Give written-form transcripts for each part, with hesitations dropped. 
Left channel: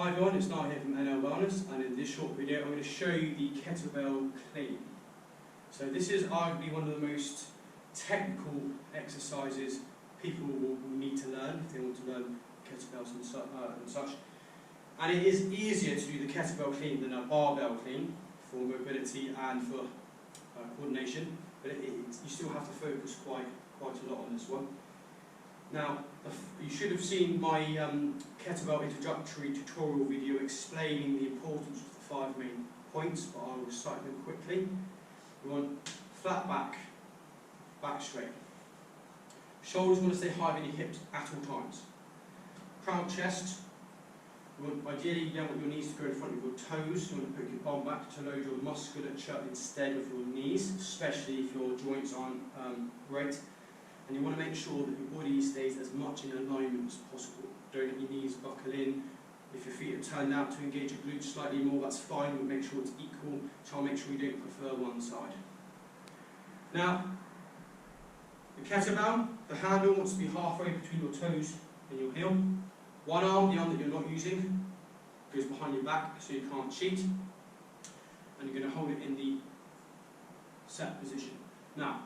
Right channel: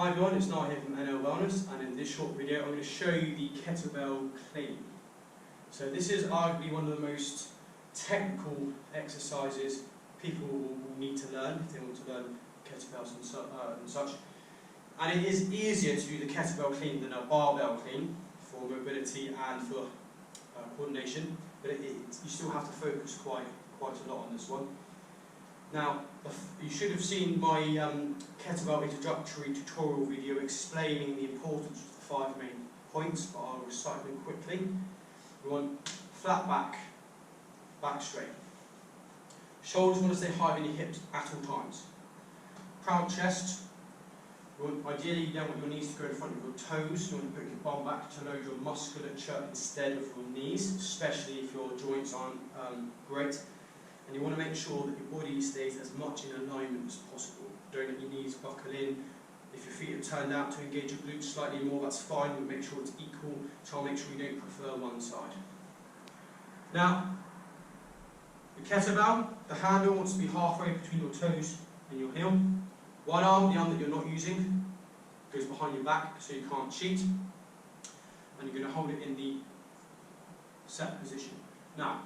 Hi everyone, it's Niall here from NL Wellness, and in this short video I'm going to show you the kettlebell clean. So this is arguably one of the most technical exercises people will need to learn if they want to learn kettlebells and such. And it is easier to do the kettlebell clean than a barbell clean for mobility and for coordination, but you still have to focus quite a lot on this one. Now, you should have seen my kettlebell introductory tutorial video explaining the importance of the 5 main points, but I'll recite them quickly. We want flat back, back straight. Shoulders want to stay high on your hips at all times. Proud chest. Ideally, you don't want your knees to go in front of your toes. You want to put your bum back to load your musculature instead of your knees, especially if your joints aren't great. And you want to make sure that your body stays as much in alignment as possible. Don't let your knees buckle in. If your feet are turned out to engage your glutes slightly more, that's fine, but make sure it's equal. Try and make sure you don't prefer one side. Now, the kettlebell, the handle wants to be halfway between your toes and your heel. One arm, the arm that you're not using, goes behind your back so you can't cheat. And you're going to hold it in the set position. Now,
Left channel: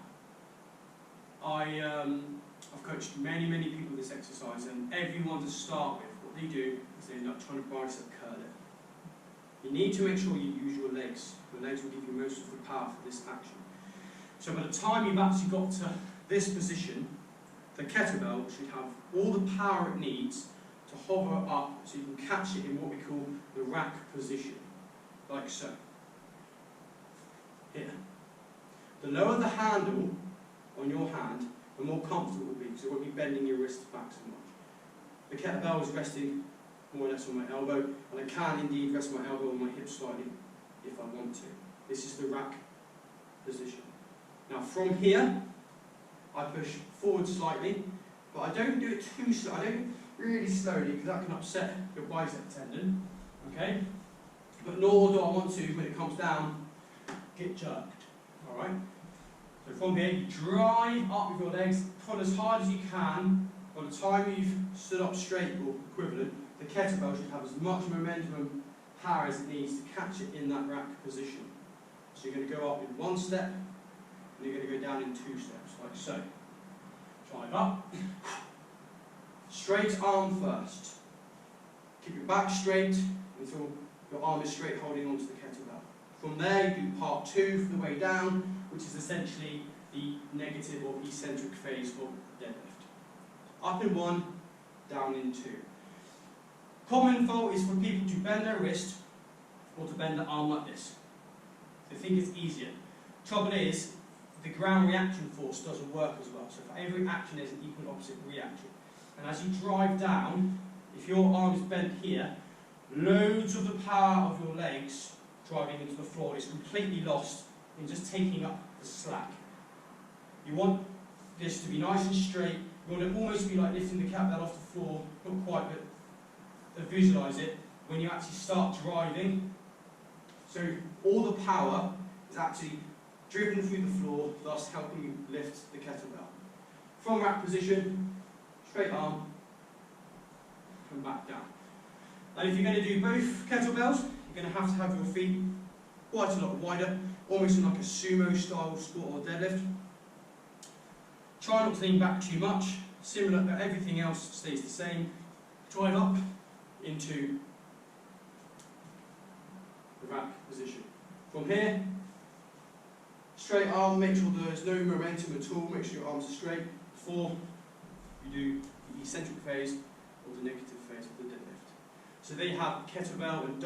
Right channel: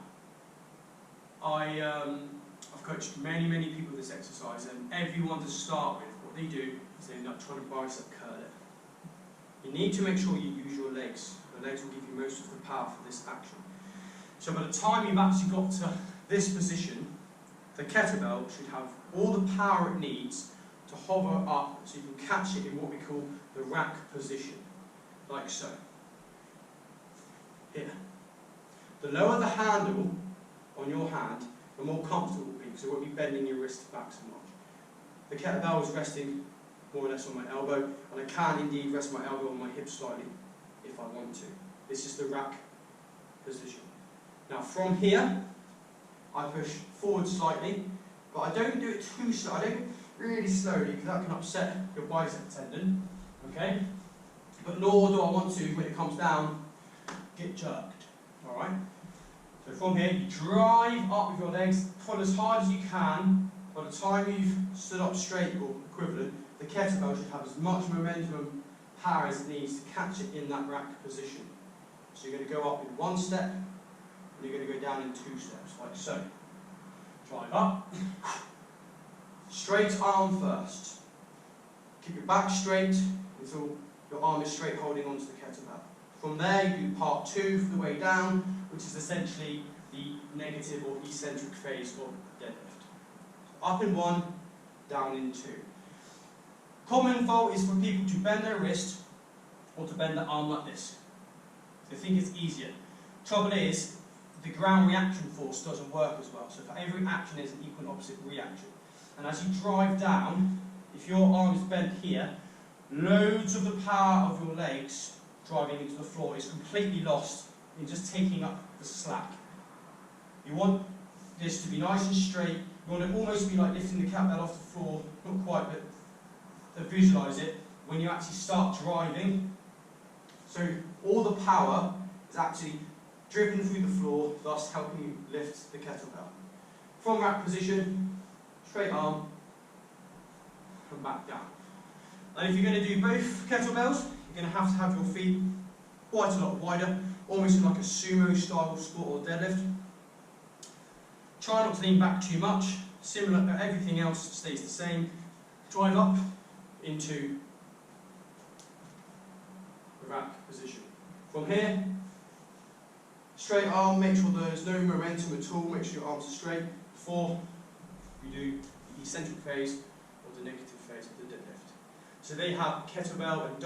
I've coached many people with this exercise, and everyone to start with, what they do is they end up trying to bicep curl it. You need to make sure you use your legs. Your legs will give you most of the power for this action. So by the time you've actually got to this position, the kettlebell should have all the power it needs to hover up so you can catch it in what we call the rack position, like so. Here. The lower the handle on your hand, the more comfortable it will be, because it won't be bending your wrist back so much. The kettlebell is resting more or less on my elbow, and I can indeed rest my elbow on my hip slightly if I want to. This is the rack position. Now from here, I push forward slightly, but I don't do it too slow. I don't really slowly, because that can upset your bicep tendon, okay? But nor do I want to, when it comes down, get jerked, all right? So from here, you drive up with your legs, pull as hard as you can. By the time you've stood up straight or equivalent, the kettlebell should have as much momentum, power as it needs to catch it in that rack position. So you're going to go up in 1 step, and you're going to go down in 2 steps, like so. Drive up. Straight arm first. Keep your back straight until your arm is straight holding onto the kettlebell. From there, you do part 2 for the way down, which is essentially the negative or eccentric phase of deadlift. So up in 1, down in 2. Common fault is for people to bend their wrist or to bend the arm like this. They think it's easier. Trouble is, the ground reaction force doesn't work as well. So for every action, there's an equal and opposite reaction. And as you drive down, if your arm is bent here, loads of the power of your legs driving into the floor is completely lost in just taking up the slack. You want this to be nice and straight. You want it almost to be like lifting the kettlebell off the floor, not quite, but visualize it when you actually start driving. So all the power is actually driven through the floor, thus helping you lift the kettlebell. From rack position, straight arm, and back down. And if you're going to do both kettlebells, you're going to have your feet quite a lot wider, almost in like a sumo style squat or deadlift. Try not to lean back too much. Similar, but everything else stays the same. Drive up into the rack position. From here, straight arm, make sure there's no momentum at all, make sure your arms are straight before you do the eccentric phase or the negative phase of the deadlift. So they have kettlebell and